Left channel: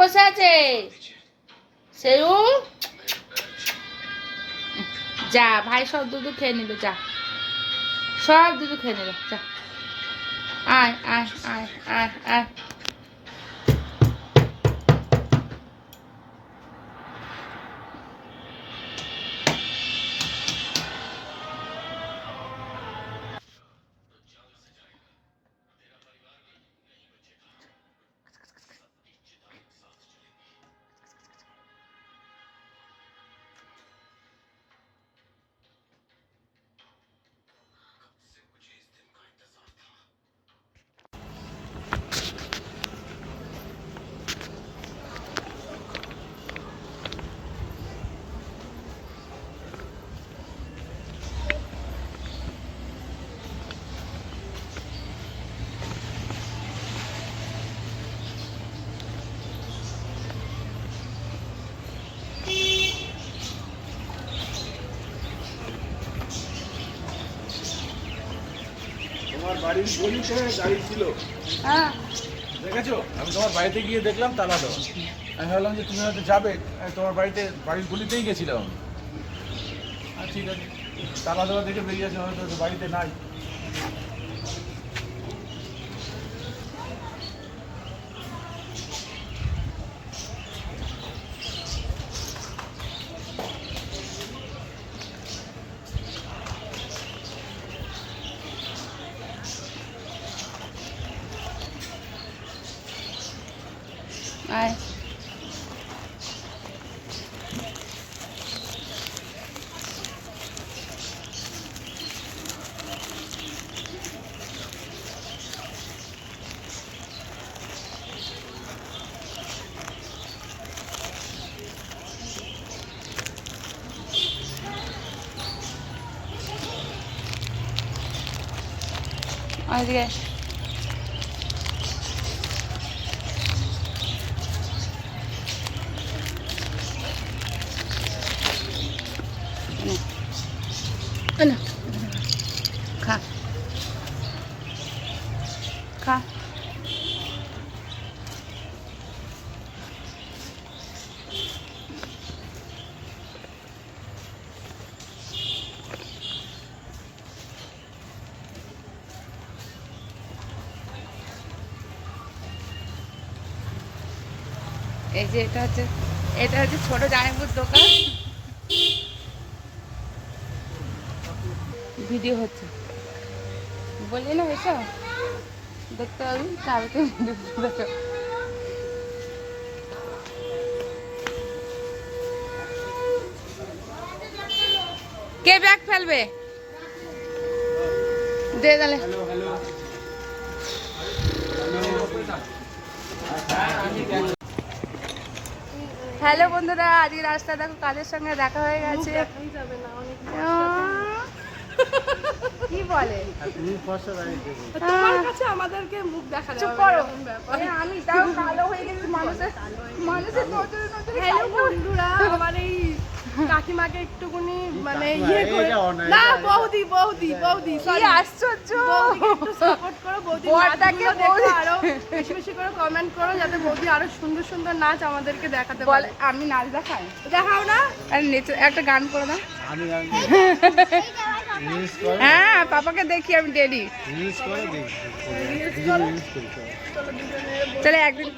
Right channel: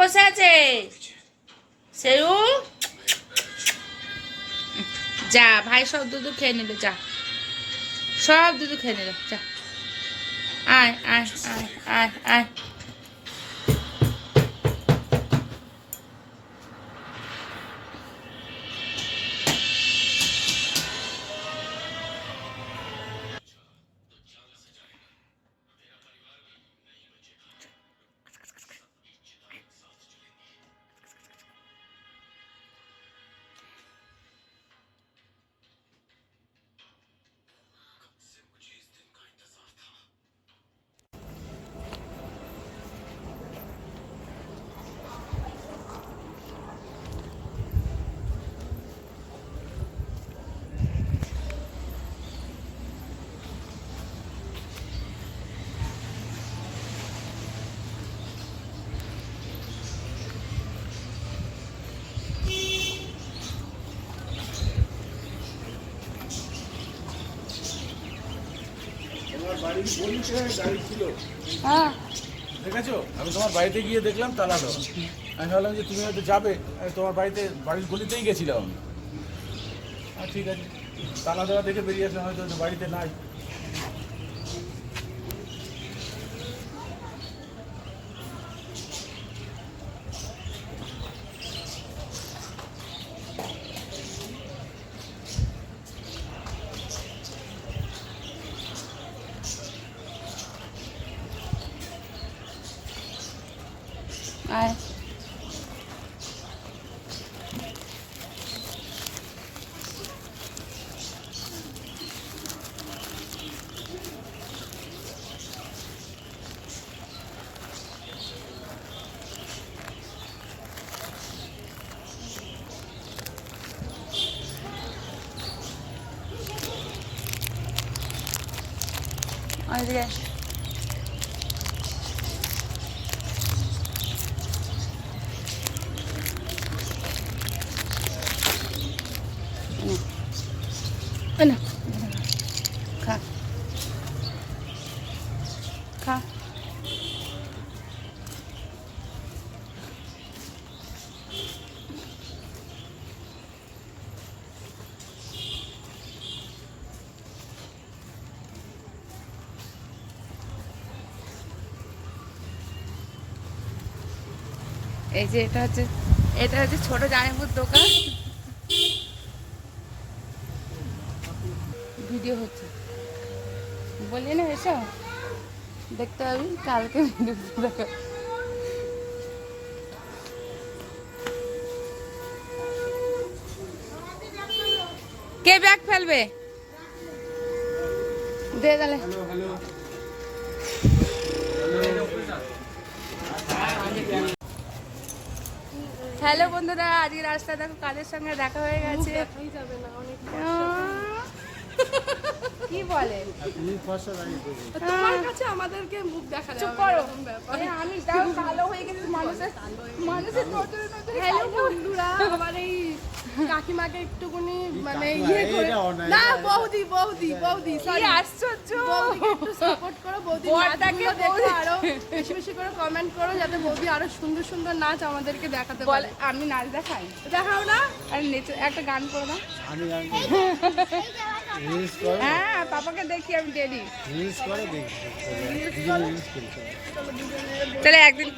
বসে আছে সেউ যা ভাই সব দুধ খেয়ে নিল যা সব দুধ খেয়ে নিল যা আয় আয় আয় আয় আয় বাড়ির গলি করে গাড়ি ছিল। হ্যাঁ দেখেছো আমি তোমার বাড়িতে গিয়ে দেখলাম তালা দেওয়া। আমি ভাবলাম যে তুমি হয়তো যাবে, তোমার বাড়িতে বাড়ির গলিতেই গেছিলাম। ঠিক আছে, তালা দেওয়া দেখে বেরিয়ে আসলাম, হয়তো বাড়িতে নাই। আয় ওইদিকে না খা খা এই যে এটা হচ্ছে ছোট জামাইবুর দোকান। ভিডিও হচ্ছে বললি না এসো দেখতে পাবি কালকে দেখো। কে ব্যাগ ফেলবে দে তাহলে। হ্যালো বন্ধুরা, আজকে রাস্তায় দেখো কাদের সঙ্গে দেখা হয়ে গেছে। কি বলে তোমার কাছে আমাদেরকে মুখ দেখা চুপ করো। আমি তাও কালো হয়ে গেছি মানুষের হ্যালো বন্ধুরা, আমার এই কাকিমাকে একটুখানি মানে ইয়ে করে না বৌদি বৌদি বৌদি সরি আশ্চর্য বৌদিকে একটু সাপোর্ট করো, বৌদি নাচগুলো দেখো, আরো বেশি বেশি করে কমেন্ট করো যাতে বৌদি আরো সুন্দর সুন্দর নাচ আমাদেরকে দেখাতে বল। পারে। আমি নাচ দেখাই দেখাও না, আর নিচে একটা গান করো না। আমি হ্যাঁ পাপাকে দেখি আমি ডেলি। চলে একদিন